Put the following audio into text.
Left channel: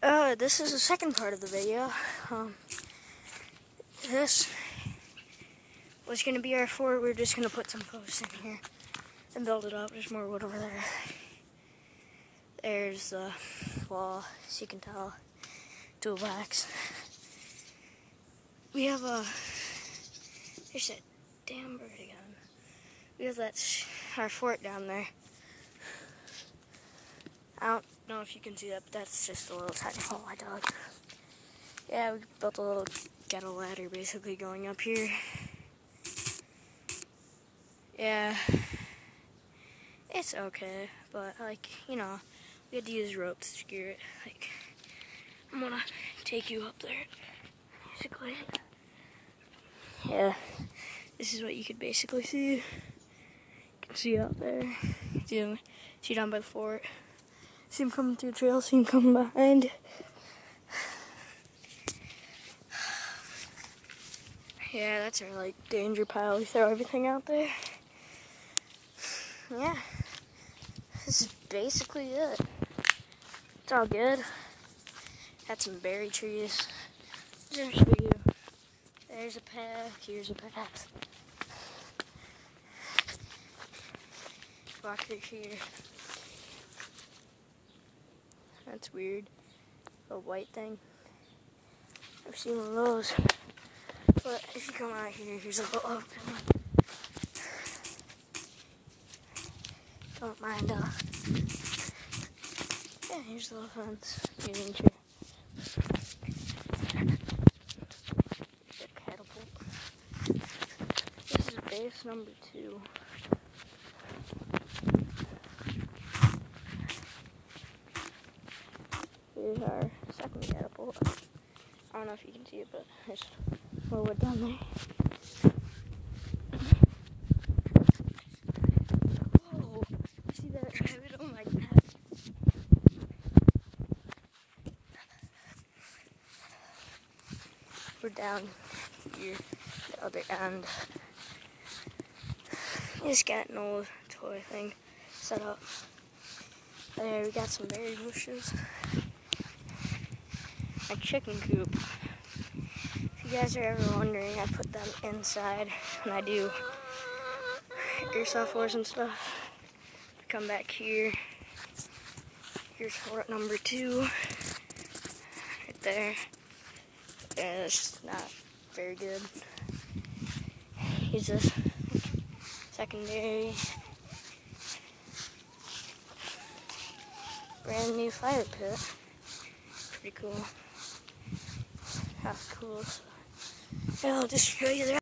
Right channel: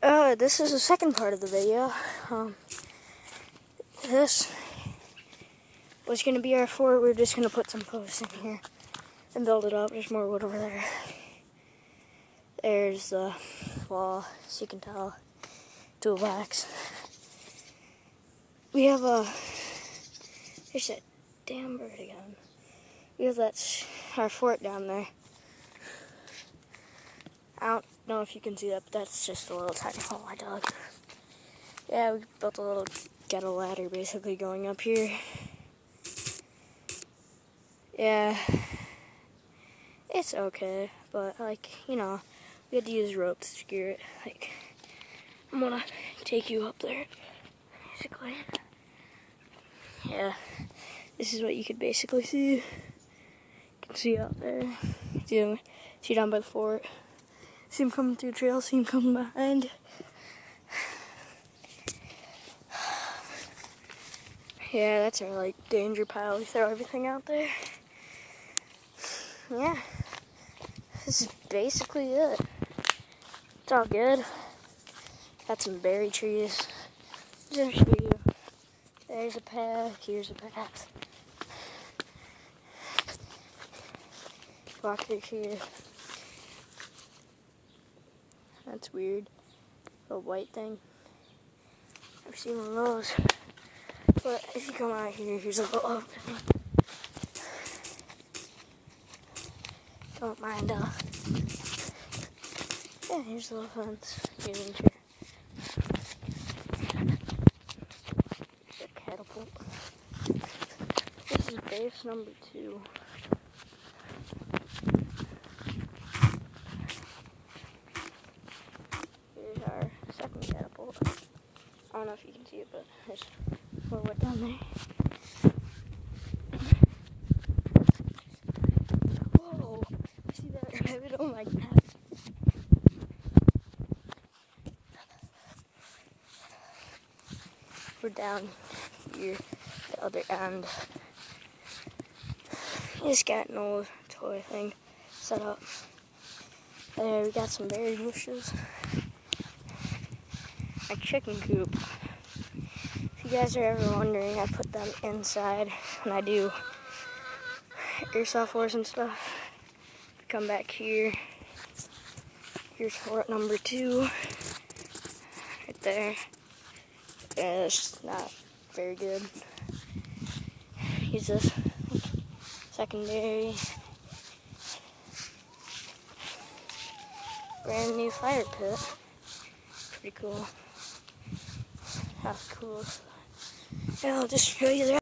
This is the second part of the video. This was going to be our fort. We're just going to put some posts in here and build it up. There's more wood over there. There's the wall, as you can tell, toolbox. We have there's that damn bird again. We have our fort down there. I don't know if you can see that, but that's just a little tiny hole I dug. Yeah, we built a little ghetto ladder basically going up here. Yeah, it's okay, but like, you know, we had to use rope to secure it. Like, I'm gonna take you up there, basically. Yeah, this is what you could basically see. You can see out there. See down by the fort. See him coming through the trail, see him coming behind. Yeah, that's our, like, danger pile. We throw everything out there. Yeah. This is basically it. It's all good. Got some berry trees. Just for you. There's a path, here's a path. Walk through here. That's weird. A white thing. I've seen one of those. But if you come out here, here's a little open one. Don't mind, yeah, here's a little fence. Here's a chair. Here's a catapult. This is base number 2. Here's our second catapult. I don't know if you can see it, but there's more wood down there. Whoa! See that rabbit? Oh my god. We're down here, the other end. Just got an old toy thing set up. There, we got some berry bushes. A chicken coop. If you guys are ever wondering, I put them inside when I do Airsoft wars and stuff. Come back here. Here's fort number 2. Right there. Yeah, it's not very good. Here's this secondary. Brand new fire pit. Pretty cool. How cool. And I'll just show you that.